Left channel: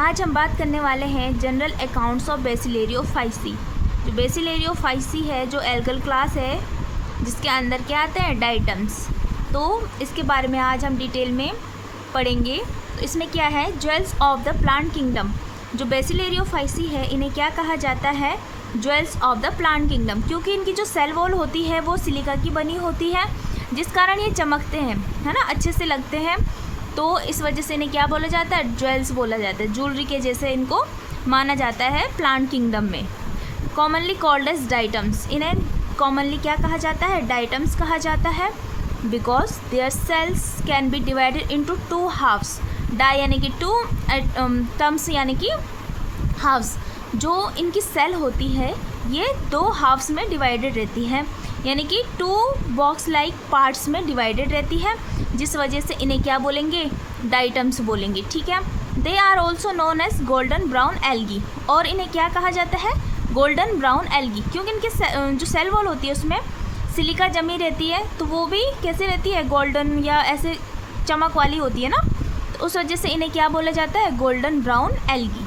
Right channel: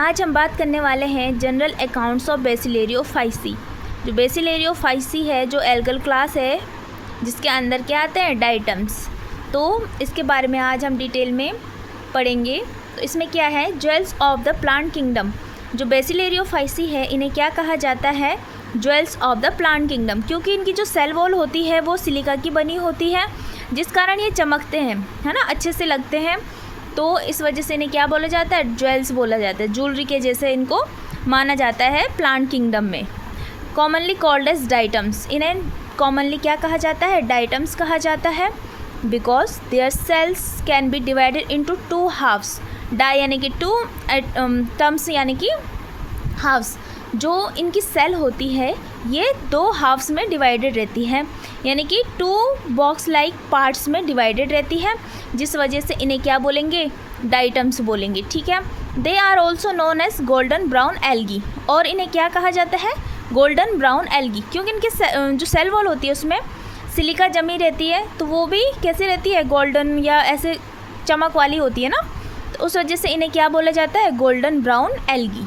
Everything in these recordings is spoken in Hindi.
आज हम बात करने वाले हैं जनरल अकाउंट्स ऑफ बेसिलेरियोफाइसी। जो बेसिलेरियोफाइसी है जो एल्गल क्लास है जिसके अंदर क्या आते हैं डाइटम्स, तो इसके बारे में आज हम डिटेल में पढ़ेंगे। तो इसमें क्या है, jewels of the plant kingdom. जो बेसिलेरियोफाइसी है इन्हें क्या कहा जाता है, jewels of the plant kingdom, क्योंकि इनकी जो सेल वॉल होती है वो सिलिका की बनी होती है जिस कारण ये चमकते हैं, है ना, अच्छे से लगते हैं। तो इस वजह से इन्हें क्या बोला जाता है, ज्वेल्स बोला जाता है। ज्वेलरी के जैसे इनको माना जाता है प्लांट किंगडम में। कॉमनली कॉल्ड एज डाइटम्स, इन्हें कॉमनली क्या कहा जाता है, डाइटम्स कहा जाता है। Because their cells can be divided into two halves. Di यानी कि टू, टर्म्स यानी कि हाफ्स। जो इनकी सेल होती है ये दो हाफ्स में डिवाइडेड रहती है, यानी कि टू बॉक्स लाइक पार्ट्स में डिवाइडेड रहती है, जिस वजह से इन्हें क्या बोलेंगे, डाइटम्स बोलेंगे। ठीक है। They are also known as golden brown algae, और इन्हें क्या कहा जाता है, गोल्डन ब्राउन एल्गी, क्योंकि इनके जो सेल वॉल होती है उसमें सिलिका जमी रहती है, तो वो भी कैसे रहती है, गोल्डन या ऐसे चमक वाली होती है ना, तो उस वजह से इन्हें क्या बोला जाता है, गोल्डन ब्राउन एल्गी।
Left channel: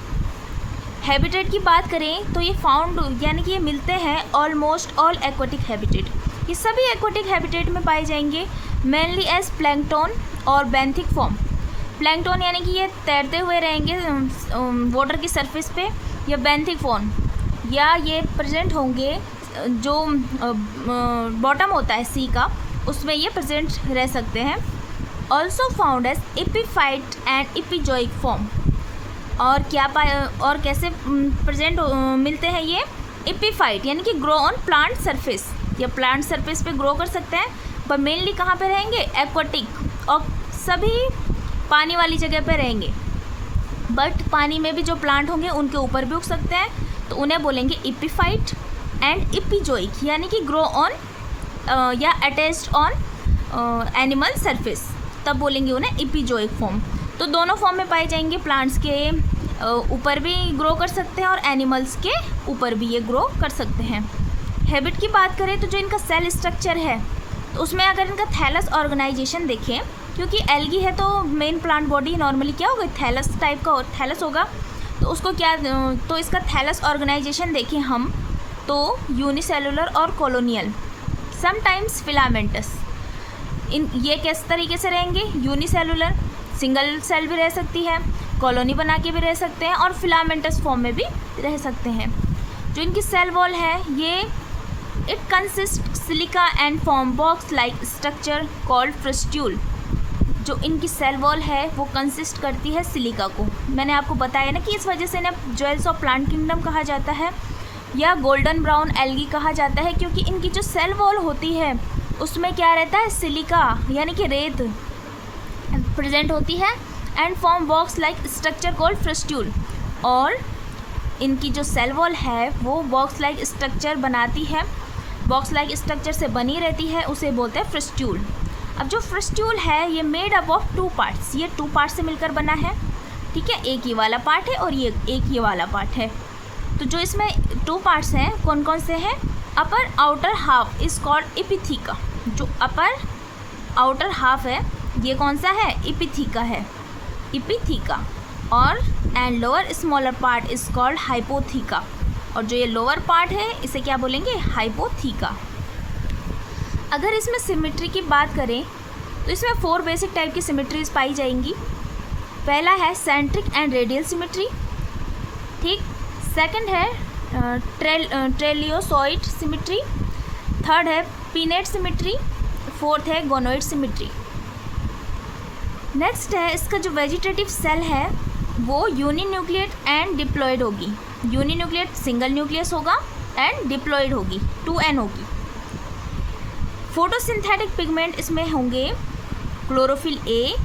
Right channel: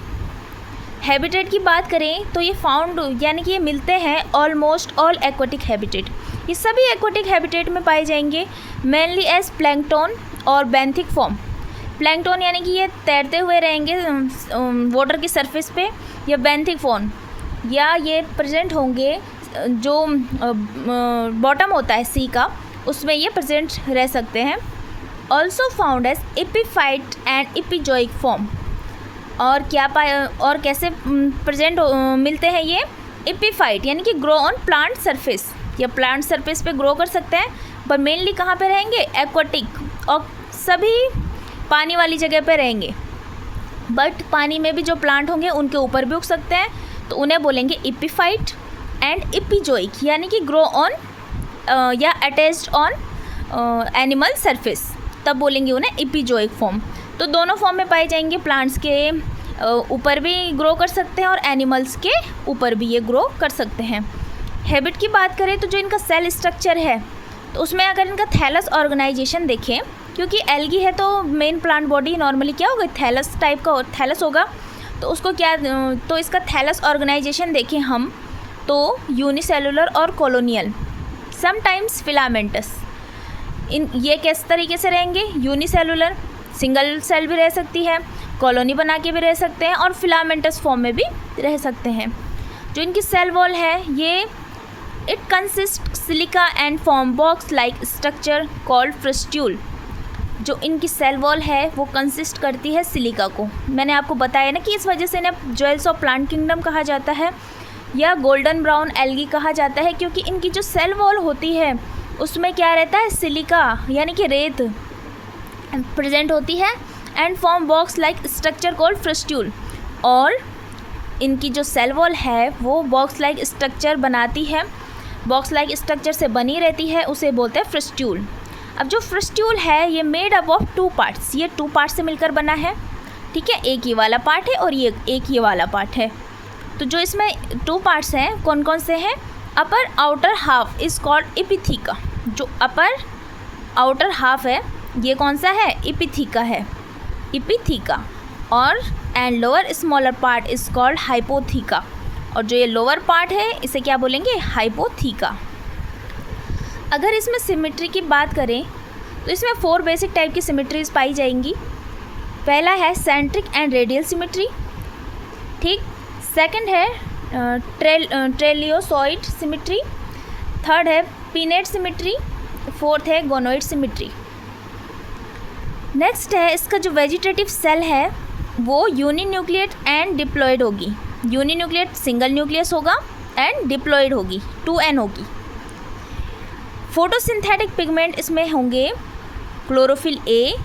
हैबिटेट की बात करें तो ये फाउंड यानी कि ये मिलते हैं ऑलमोस्ट ऑल एक्वाटिक हैबिटेट। ये सभी एक्वाटिक हैबिटेट में पाए जाएंगे, मेनली एज प्लैंकटन और बेंथिक फॉर्म। प्लैंकटन यानी कि ये तैरते हुए रहेंगे वाटर की सरफेस पे, या बेंथिक फॉर्म, या ये प्रेजेंट होंगे जो बॉटम होता है सी का, उसमें ये प्रेजेंट रह सकते हैं। Also found as epiphyte and epizoic form. और क्या और कैसे प्रेजेंट मिलते हैं ये, एपीफाइट यानी कि ग्रो ऑन प्लांट सरफेस, या प्लांट सरफेस पे ग्रो कर सकते हैं, पर मेनली कहाँ पे रहेंगे, एक्वाटिक, और सभी पानी वाली जगह पे रहेंगे। बट पानी में भी जो प्लांट होंगे उनके ऊपर भी उग सकते हैं, तो उन्हें बोलेंगे एपीफाइट एंड एपिजोइक, यानी कि ग्रो ऑन या अटैच्ड ऑन एनिमल सरफेस, तब बोलेंगे उन्हें एपिजोइक फॉर्म। तो दोनों फॉर्म में पाए जाएंगे, प्लांट्स के ऊपर भी ग्रो कर सकते हैं और एनिमल्स के ऊपर भी ये ग्रो कर सकते हैं। हैबिट की बात करें तो जो इनका सेल स्ट्रक्चर है, तो उसमें अगर इनका थैलस ऑर्गेनाइजेशन देखें, क्योंकि एल्गी है तो मेन प्लांट बॉडी नॉर्मली क्या होगा, थैलस टाइप का थैलस होगा, तो उसको क्या, तो इसका थैलस ऑर्गेनाइजेशन देखें हम तो यूनिसेलुलर और कॉलोनियल, समटाइम्स फिलामेंटस। ये किस तरीके से रहेंगे, यूनिसेलुलर, सिंगल सेल भी रह सकती है, कॉलोनी बना के भी रह सकते हैं, और फिलामेंटस फॉर्म में भी रह सकते हैं। जो इनकी सेल वॉल है ये it consist silica and form box like structure called frustule. जो इनकी सेल वॉल है वो कंसिस्ट करती है सिलिका को। मैंने आपको बताया ना कि इस वजह से इन्हें ज्वेल्स ऑफ प्लांट किंगडम कहा जाता है या गोल्डन ब्राउन एल्गी कहा जाता है, क्योंकि इनकी जो सेल वॉल होती है उसमें क्या रहता है, सिलिका यानी कि रेत प्रेजेंट होती है, and form box like structure called frustule, और इनकी जो सेल वॉल है वो बॉक्स लाइक स्ट्रक्चर बनाती है, बॉक्स लाइक स्ट्रक्चर से बनी रहती है, उसे बोलते हैं फ्रस्ट्यूल। अब जो फ्रस्ट्यूल है ये made up of two parts, ये टू पार्ट से मिलकर बना है। ठीक है, एक ये वाला पार्ट है और ये एक ये वाला पार्ट है। तो जो इसमें टू पार्ट्स हैं कौन कौन से हैं, अपर आउटर हाफ इज़ कॉल्ड एपिथीका। जो अपर आउटर हाफ है ये कौन सा है, एपिथीका है, एपिथीका। और and lower smaller part is called hypotheca, और जो ये लोअर पार्ट है इसे क्या बोलेंगे, हाइपोथीका। अगर इसमें सिमेट्री की बात करें तो इसमें 4 बेसिक टाइप की सिमेट्रीज पाई जाएंगी। पहला है सेंट्रिक एंड रेडियल सिमेट्री, ठीक। सेकंड है ट्रेलियोसॉइड सिमेट्री। थर्ड है पिनेट सिमेट्री। फोर्थ है गोनोइड सिमेट्री। नेक्स्ट है इसका जो वेजिटेटिव सेल है वो यूनिन्यूक्लिएट एंड डिप्लॉयड होगी। यूनिन्यूक्लिएट सिंगल न्यूक्लियस होगा एंड डिप्लॉयड होगी 2n होगी। फोटोसिंथेटिक पिगमेंट इसमें होंगे chlorophyll a,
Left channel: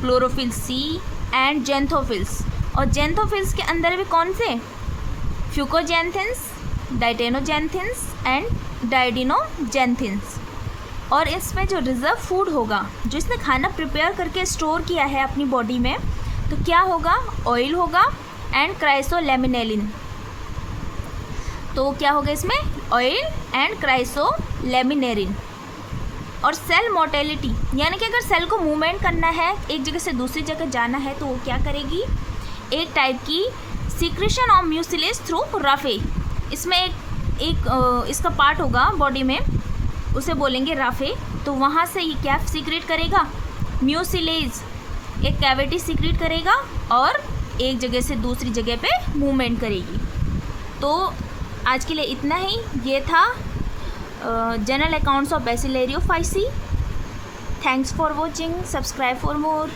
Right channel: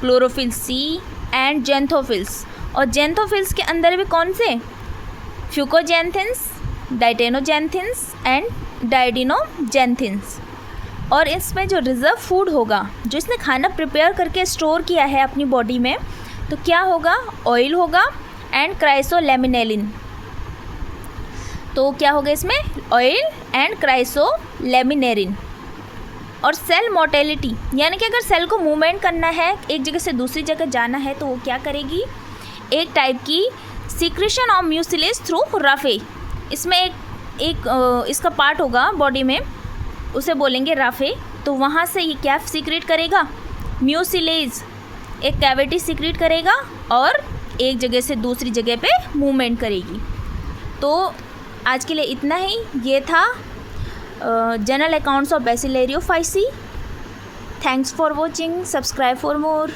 chlorophyll c and xanthophylls. और जेंथोफिल्स के अंदर भी कौन से, फ्यूकोजेंथिन्स, डाइटेनोजेंथिन्स एंड डाइडिनोजेंथिन्स। और इसमें जो रिजर्व फूड होगा, जो इसने खाना प्रिपेयर करके स्टोर किया है अपनी बॉडी में, तो क्या होगा, ऑयल होगा एंड क्राइसोलेमिनेलिन। तो क्या होगा इसमें, ऑयल एंड क्राइसोलेमिनेरिन। और सेल मोटेलिटी, यानी कि अगर सेल को मूवमेंट करना है, एक जगह से दूसरी जगह जाना है, तो वो क्या करेगी, एक टाइप की secretion of mucilage through Rafe. इसमें एक इसका पार्ट होगा बॉडी में, उसे बोलेंगे राफे। तो वहाँ से ये क्या सीक्रेट करेगा, म्यूसिलेज एक कैविटी सीक्रेट करेगा और एक जगह से दूसरी जगह पे मूवमेंट करेगी। तो आज के लिए इतना ही। ये था general accounts of bacillariophyceae. Thanks for watching, subscribe for more.